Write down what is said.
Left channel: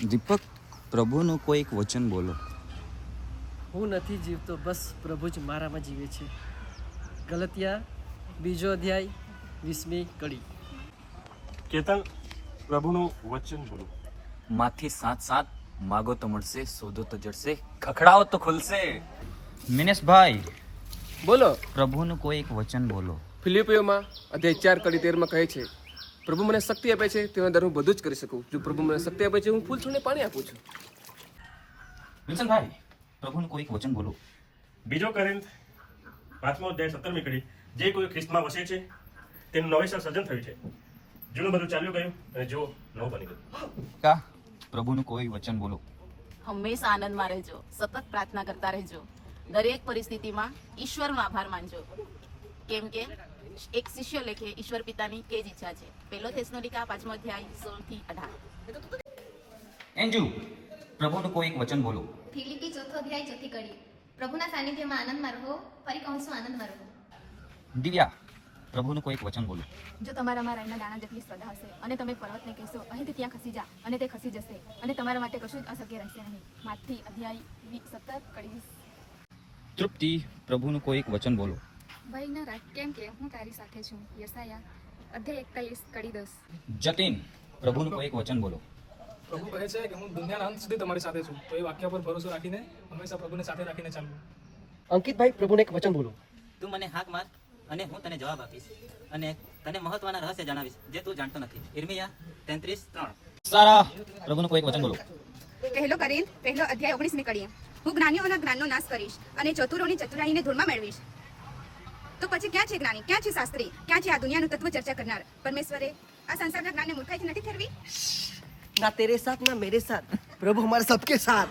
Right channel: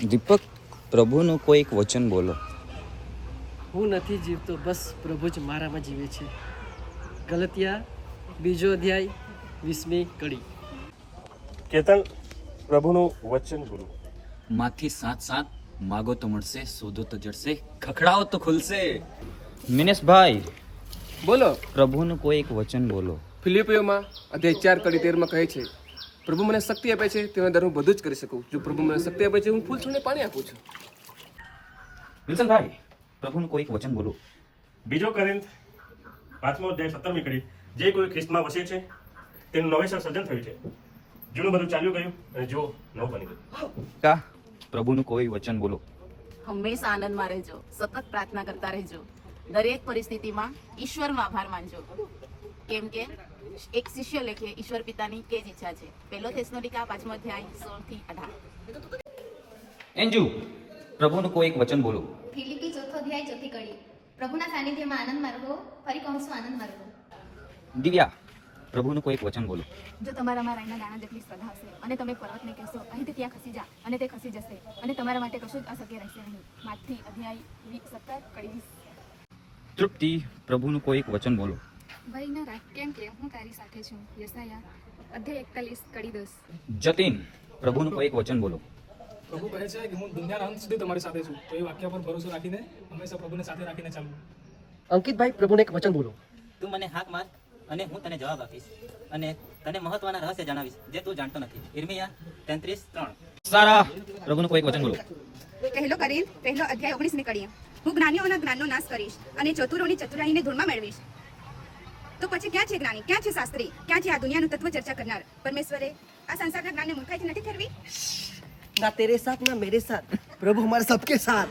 દીપક, પ્રભુનું કોઈ એક વચન બોલો. હું નથી જીવતો, બસ પ્રભુ જ મારામાં જીવે છે. ગલતિયા 2 અધ્યાય 20મી કડી. કેતન, પ્રભુનું વચન બોલો. માથી 7:7 માગો તો મળશે, શોધો તો જડશે, ખખડાવો તો ખુલશે. મિનેશભાઈ, બોલો. પ્રભુનું કોઈ એક વચન બોલો. ફિલિપિયોમાં અધ્યાય 4 કડી 13 કહે છે, પ્રભુ મને શક્તિ આપે છે તેના દર હું બધું જ કરી શકું. જો પ્રભુ મને શક્તિ આપે છે, હું ફૂલ છોડને પાણી આપું છું. વિલ્સનભાઈ, પ્રભુનું કોઈ એક વચન બોલો. બીજો કોરિન્થ 5મો અધ્યાય 17મી કડી. જે કોઈ ખ્રિસ્તમાં વસે છે તેનું નવેસર સર્જન થયું છે. જૂનું બધું ચાલ્યું ગયું અને જો નવું બની ગયું. પ્રભુનું કોઈ વચન બોલો. હંમેશા આનંદમાં રહેજો, સતત પ્રાર્થના કરતા રહેજો, દરેક પરિસ્થિતિમાં ઈશ્વરનો આભાર માનજો, કેમ કે એક શિષ્ય લેખે ઈશ્વર પિતાની તે જ ઈચ્છા છે. 1 થેસલોનિકા 5મો અધ્યાય 16-18. એન્જુ, પ્રભુનું કોઈ એક વચન બોલો. ફિલિપી 4 અધ્યાય 4 કડી. પ્રભુના સાનિધ્યમાં આનંદમાં રહો. ફરી કહું છું, આનંદમાં રહો. દિવ્યા, પ્રભુનું કોઈ એક વચન બોલો. જો તમારામાં રાઈના દાણા જેટલી શ્રદ્ધા હશે અને તમે પર્વતને કહેશો અહીંથી ત્યાં ખસી જા અને તે ખસી જશે અને તમારા માટે કશું જ અશક્ય રહેશે નહીં. માથી અધ્યાય 17 કડી 20. તૃપ્તિ, પ્રભુનું કોઈ એક વચન બોલો. ભય ન રાખ, કેમ કે હું તારી સાથે છું. યશાયા અધ્યાય 41 કડી 10. જતીન, પ્રભુનું કોઈ એક વચન બોલો. પ્રભુ કહે છે કે હું દુનિયાના અંત સુધી તમારી સાથે છું. તો એ વાક્ય પર ભરોસો રાખીને હંમેશા પ્રભુને સાથે રાખીને ચાલવું. અંકિતભાઈ, પ્રભુને એક વચન બોલો. તું મને હાક માર અને હું તને જવાબ આપીશ અને તને મહત્વના રહસ્ય જણાવીશ જે તું જાણતો નથી. ઈર્મિયા 33:3. સારા, પ્રભુનું કોઈ એક વચન બોલો. પહેલો કોરિન્થ 1 અધ્યાય 19મી કડી. હું જ્ઞાનીઓના જ્ઞાનનો નાશ કરીશ અને ચતુરોની ચતુરાઈને ધૂળમાં મેળવીશ. તો પછી ક્યાં છે જ્ઞાની, ક્યાં છે શાસ્ત્રી, ક્યાં છે આ દુનિયાનું તત્વ ચર્ચા કરનાર? પરમેશ્વરે આ સંસારના જ્ઞાનને મૂર્ખાઈથી નથી ઠરવી. ના તેરે સાથ ના મેરે સાથ, પ્રભુ હમારે સબકે સાથ.